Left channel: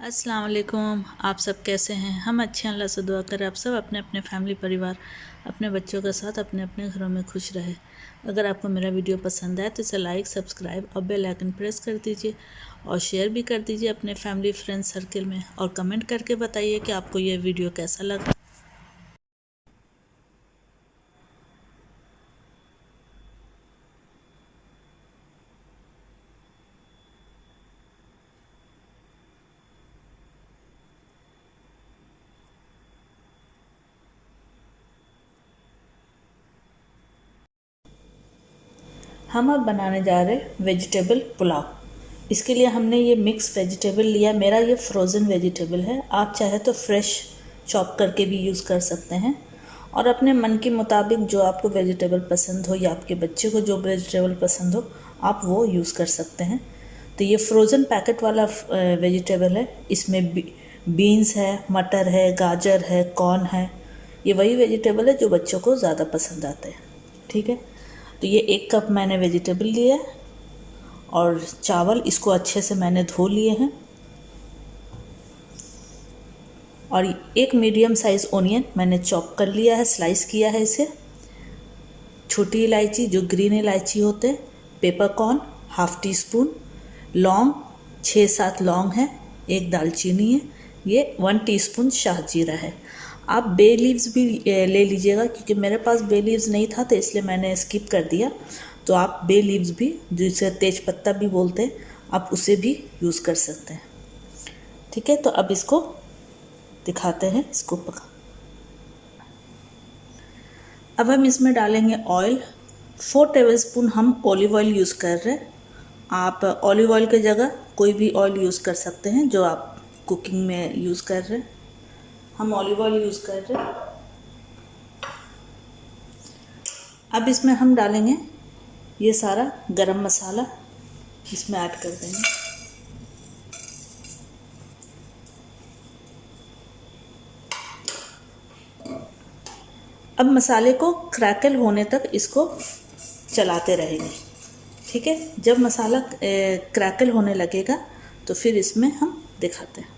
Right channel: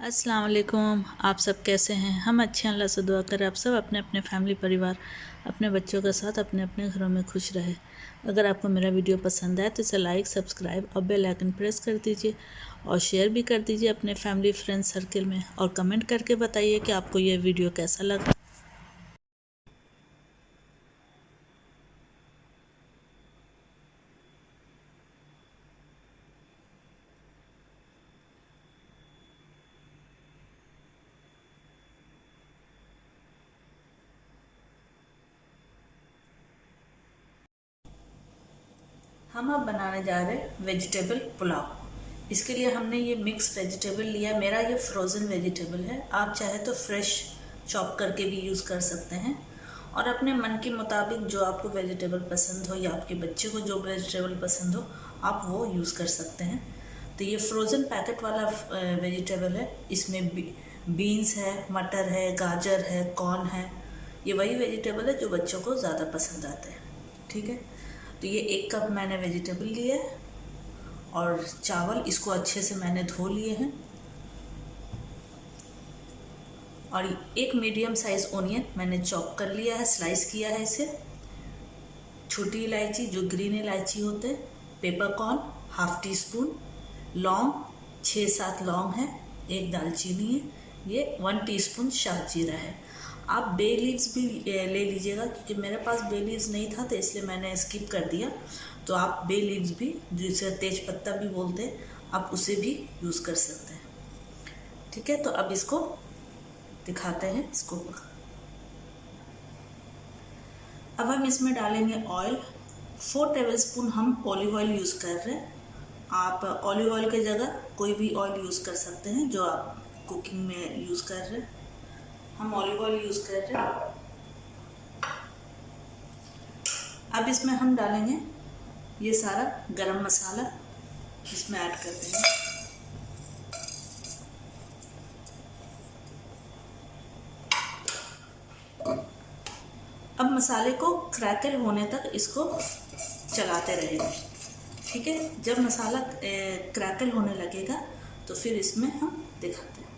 अस्सलाम वालेकुम। आप सब कैसे हैं? हम अच्छे हैं, अल्लाह से दुआ करें आप सब अपने अपने फैमिली परिवार अपने बच्चों के साथ अपने अपने घरों में खुश रहे। अगर आपको मेरा वीडियो पसंद आए तो इसे लाइक सब्सक्राइब और बेल आइकन प्रेस कर दीजिए और शेयर भी कर दीजिए अपने फैमिली फ्रेंड्स सर्कल में और कमेंट करके बताइए कि आपको ये वीडियो कैसा लगा। हम अब बनाने जा रहे हैं वेजिटेबल पुलाव। इसके लिए हमने ये मिक्स वेजिटेबल लिया। मेरा ये फ्रोज़न वेजिटेबल है, आप चाहे तो फ्रेश चॉप करके भी यूज़ कर सकते हैं और अपने मन के मुताबिक जो आपको वेजिटेबल पसंद हो या आपके बच्चे को जो वेजिटेबल पसंद हो आप वो यूज़ कर सकते हैं। तो ये फ्रोज़न पैकेट वाला वेजिटेबल है। इसमें बीन्स है, मटर है, गाजर है, कॉर्न है। ये वही वेजिटेबल है जो बच्चों को ज़्यादा पसंद आते हैं। ठीक है, तो ये 1 कप मैंने वेजिटेबल लिया है और चावल इसको अच्छे से मैंने धो लिए हैं और एक मीडियम साइज़ ओनियन मैंने चॉप कर लिया है, स्लाइस किया है इसे। छोटी इलायची जो ग्रीन इलायची होते हैं, पेपरकॉर्न ½ टी स्पून, लौंग 6-7 लौंग है, एक दालचीनी है, ये 1 टीस्पून शाहजीरा है। आप बे लीव्स भी ले लीजिएगा क्योंकि मेरे पास बे लीव्स नहीं था तो इसलिए मैंने स्किप कर दिया। तो आप बे लीव्स भी, जिसे तेज पत्ता भी बोलते हैं, आप उसे भी यूज़ कर सकते हैं। ठीक है, तो अब इसको दिखाते हैं इसको पका। अब हम इसमें डालेंगे ऑयल। 4 टेबलस्पून हम ऑलिव ऑयल यूज़ कर रहे हैं। आप ऑलिव ऑयल की जगह कोई भी ऑयल यूज़ कर सकते हैं जो आप कुकिंग में यूज़ कर रहे हैं। हम ऑलिव ऑयल यूज़ कर रहे हैं। अब इसमें हम डालेंगे ये सारा गरम मसाला, इसमें ऐड कर देंगे। अब मसाले को क्रैकल होने तक इसको चलाते रहेंगे। ठीक है, जब मसाला क्रैकल होने लगेगा तो फिर इसमें हम दिखाते हैं।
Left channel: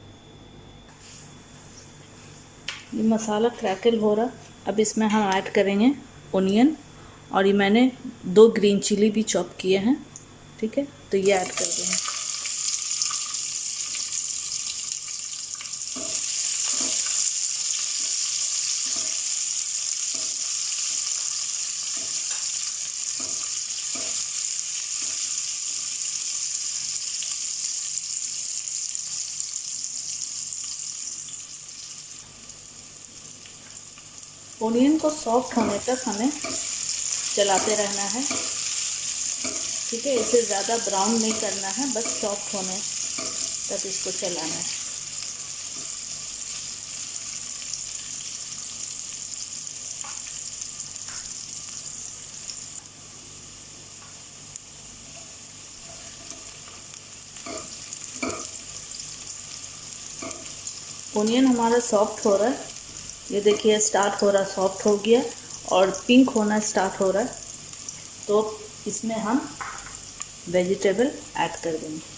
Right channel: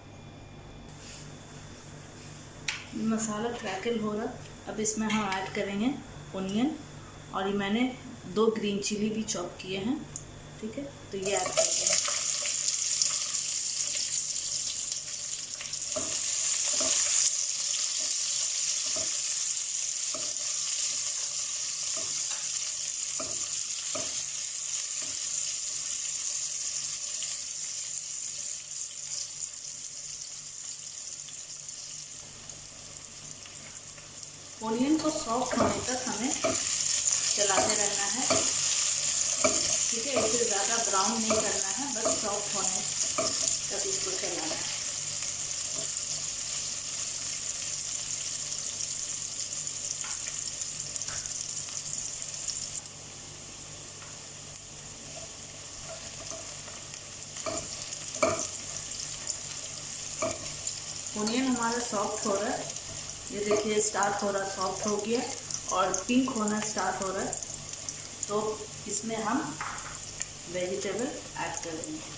ये मसाला क्रैकल हो रहा, अब इसमें हम ऐड करेंगे ओनियन और ये मैंने 2 ग्रीन चिली भी चॉप किए हैं। ठीक है, तो ये ऐड कर देंगे। ओनियन को सॉफ्ट होने तक हमें चलाते रहना है। ठीक है, इसे ज़्यादा ब्राउन नहीं करना है, बस सॉफ्ट होने तक इसको चलाना है। ओनियन हमारा सॉफ्ट हो रहा है, ये देखिए स्टार्ट हो रहा, सॉफ्ट हो गया और पिंक होना स्टार्ट हो रहा है। तो इसमें हम वेजिटेबल ऐड कर देंगे।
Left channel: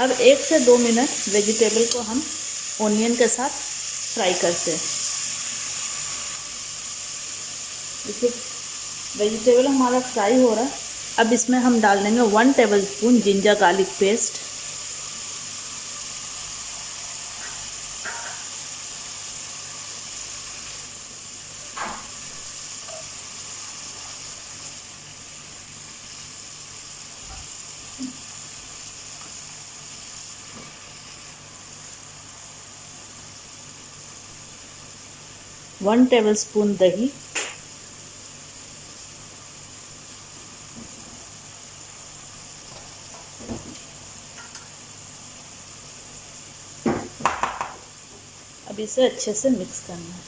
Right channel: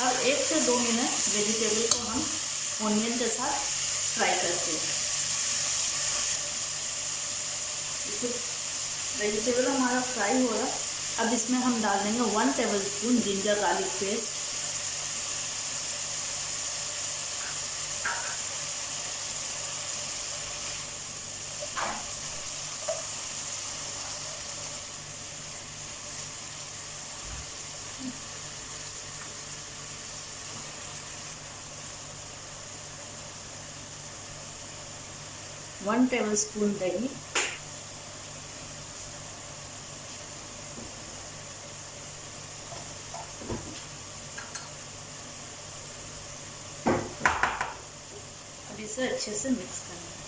अब 1 से 2 मिनट वेजिटेबल को हम ओनियन के साथ फ्राई करते हैं। देखिए वेजिटेबल हमारा फ्राई हो रहा है। अब इसमें हम डाल देंगे 1 tablespoon ginger garlic paste, one tablespoon दही, अब इसे अच्छे से मिक्स करना है।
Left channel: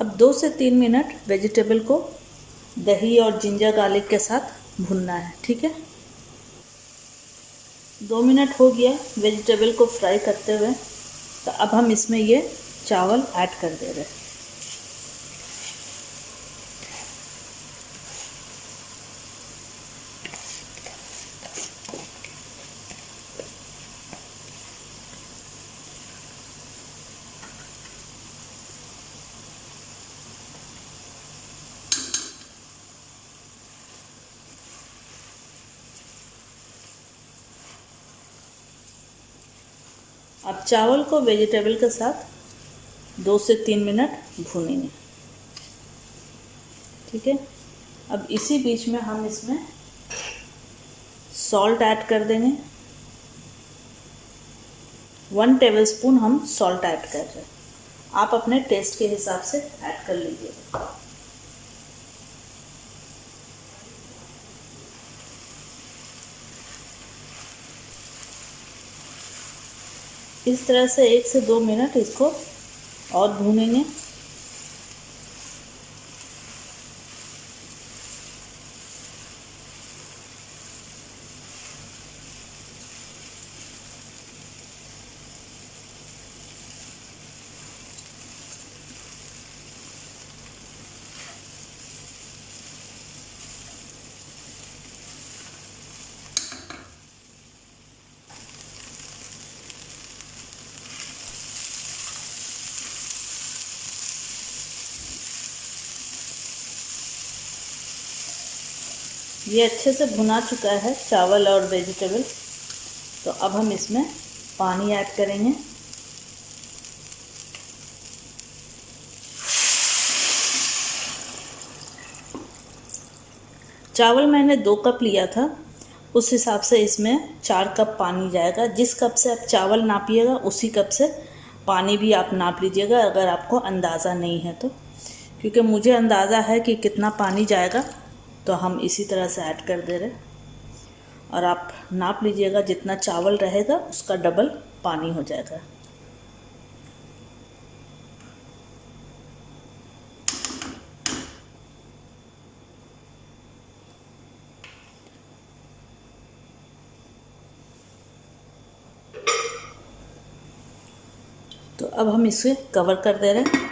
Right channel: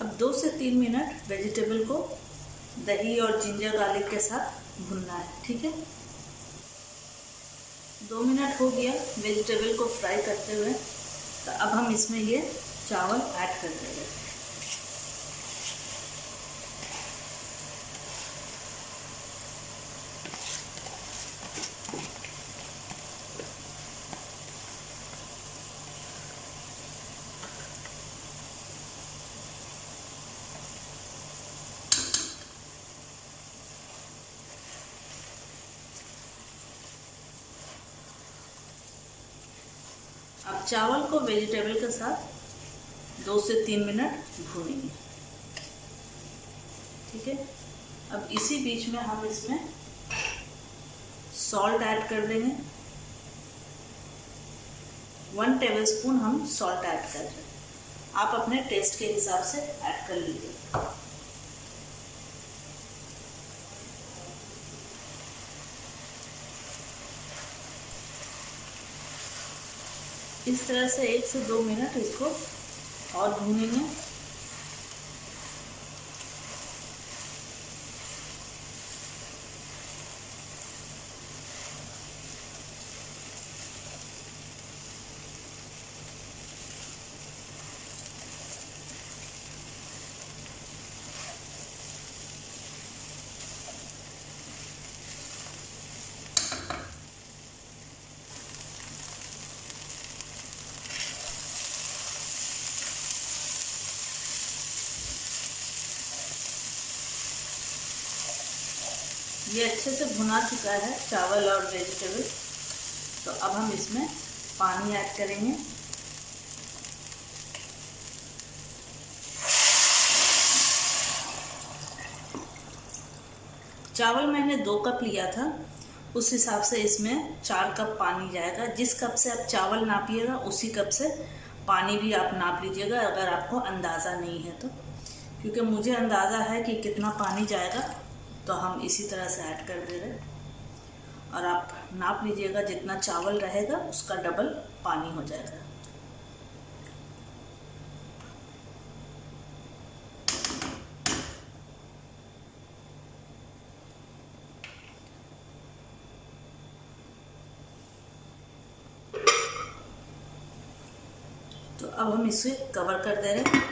अब 2 से 3 मिनट वेजिटेबल को दही और जिंजर गार्लिक के साथ भूनना है, ठीक है। 2 मिनट हो गया वेजिटेबल को फ्राई करते हुए, तो अब हम इसमें ये चावल ऐड कर दे रहे हैं। अब चावल को वेजिटेबल के साथ 2 से 3 मिनट भूनेंगे, ठीक है। अब इसी बीच में हम इसमें सॉल्ट ऐड कर देंगे। 1 टेबलस्पून हम सॉल्ट ऐड कर रहे हैं, आप अपने टेस्ट के हिसाब से ऐड कर लीजिए। इस तरह से 1 से 2 मिनट इसको और भूनेंगे। ये अच्छे से भुना चुका है चावल और वेजिटेबल, तो अब हम इसमें पानी ऐड करेंगे। चावल मैंने 2 कप लिया था, उस हिसाब से इसमें 4 कप पानी जाएगा। जिस कप से आप चावल नापिएगा उसी कप से पानी भी आप नाप लीजिएगा, अगर आपको अंदाज़ा नहीं है तो। क्योंकि मुझे अंदाज़ा है कि कितना पानी जाएगा, तो हम इसी तरह से ऐड कर दे रहे हैं। और आप नाप लीजिएगा, जितना चावल रहेगा उसका डबल पानी हो जाएगा। तो अब हम इसे कवर कर दे रहे हैं।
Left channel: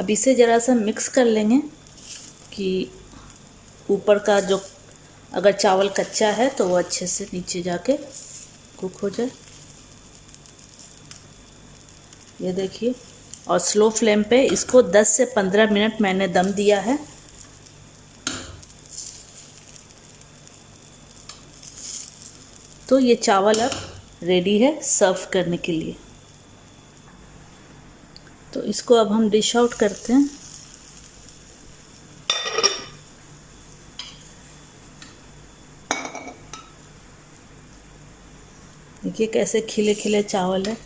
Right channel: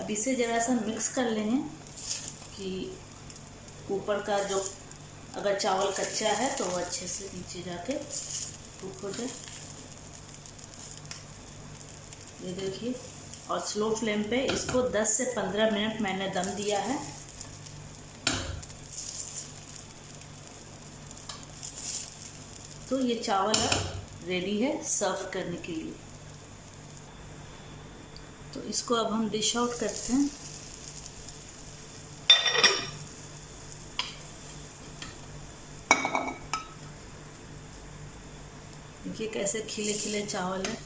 अब इसे ज़रा सा मिक्स कर लेंगे कि ऊपर का जो अगर चावल कच्चा है तो वो अच्छे से नीचे जाके कुक हो जाए। ये देखिए, और स्लो फ्लेम पे इसको 10 से 15 मिनट मैंने दम दिया है। तो ये चावल अब रेडी है सर्व करने के लिए। तो इसको अब हम डिश आउट करते हैं। देखिए कैसे खिले खिले चावल है।